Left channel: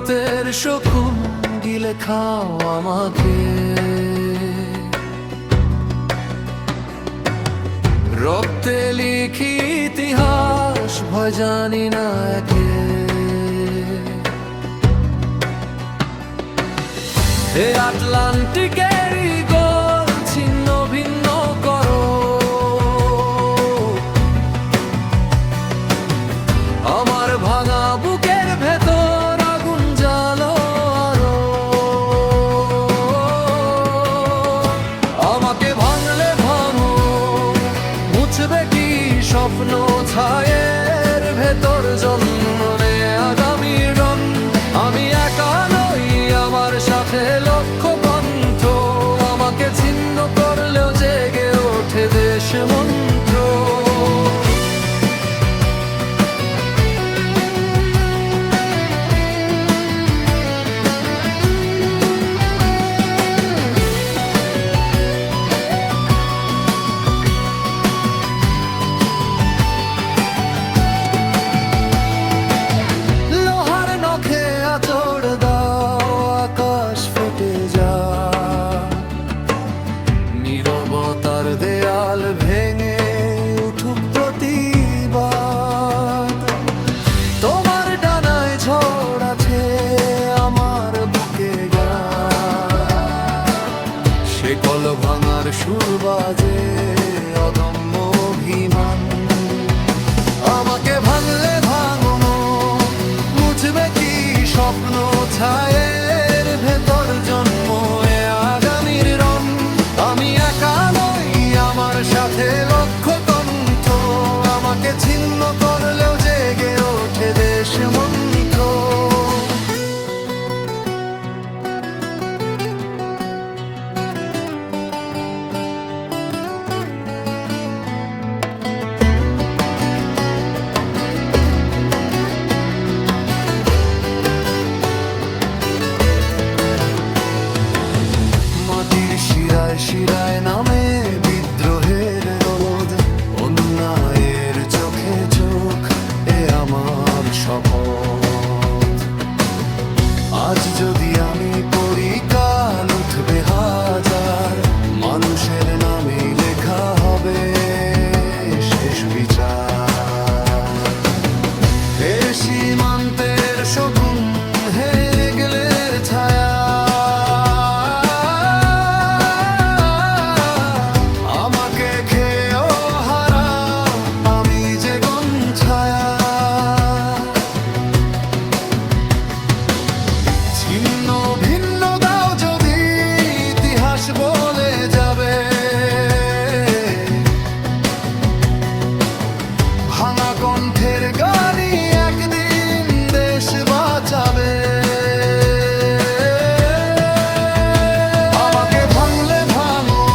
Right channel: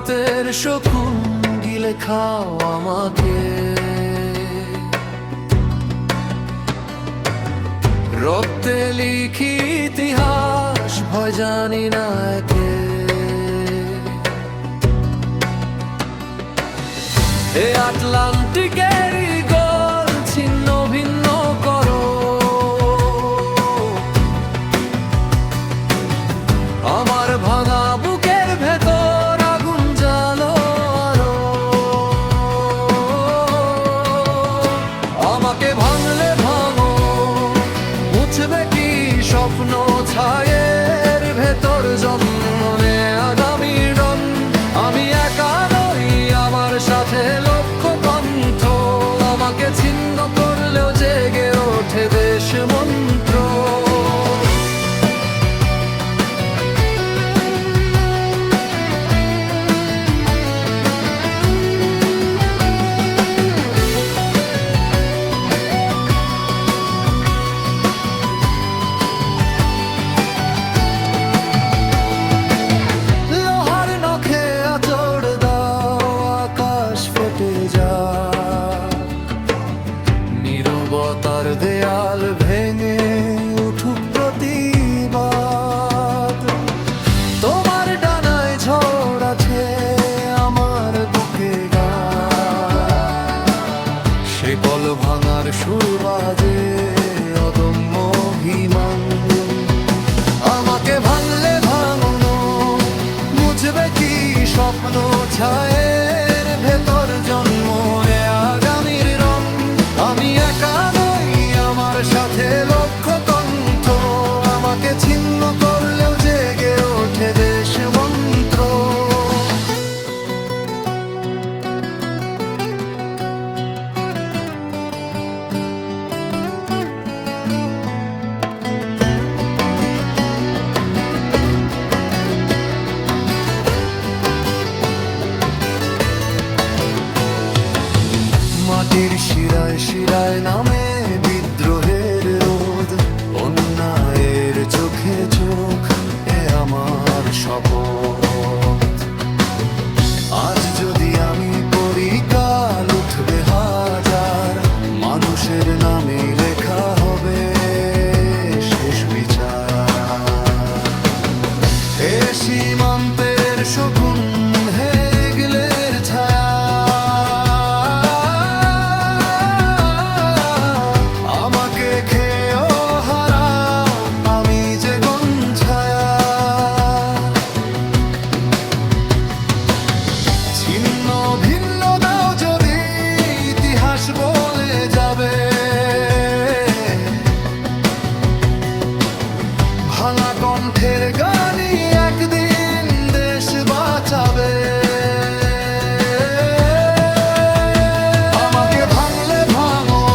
সীমান্তের শকুন গিলে খাও আমাকে। রক্তে লিখি ইতিহাস, ভয় জানি না একে। হে আটলান্টিকেরই গোল ছিন্ন ভিন্ন করো, আমার ভাঙা বুকের ভেতর আগুন জ্বালো আরো। আমাকে ভাঙলে ভাঙো, মুছবে কি স্বপ্ন ছায়ের ভেতর জন্ম নেয়া আগামীর রং। আমি একা নই, আমার সাথে লক্ষ কণ্ঠ, আমাকে ছিন্ন করলেও জেগে ওঠে দেশ মন্ত্র। ফেটে যা নীরবতার দেয়াল ভেঙে উঠুক প্রতিবাদ। তোমার ডানায় ঝড় আছে, আমার বুকে গান। সে কল ভাঙার সুর বাজে অদম্য অভিমান। আমাকে ভাঙলে ভাঙনো, মুছবে কি স্বপ্ন ছায়ের ভেতর জন্ম এ আগামীর রং। আমি একা নই, আমার সাথে লক্ষ কণ্ঠ, আমাকে ছিন্ন করলেও জেগে ওঠে দেশ মন্ত্র। মাটির শিরায় শিরায় নামে বিদ্রোহের রোদ, অন্যায়ের চোখে চোখ এ আমার শপথ। আজ যদি আমি পড়ি, কাল উঠবে হাজার, মানুষের নামে লেখা হবে শেষ বিচার। হে সীমান্তের শকুন, হে গেলের ছায়া, খেয়েও হারাও আমি যে ছায়া। ছিন্ন ভিন্ন দাও যদি, ইতিহাস বলে যাবে ভাঙা কণ্ঠের গানই একদিন দেশ বাঁচাবে। আমাকে ভাঙলে ভাঙো,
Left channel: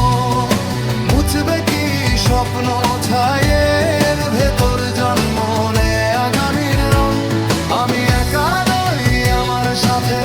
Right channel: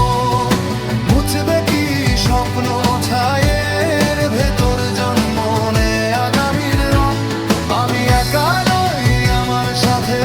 মুছবে কি স্বপ্ন ছায়ের ভেতর জন্ম নেয় আগামীর রং। আমি একা নই, আমার সাথে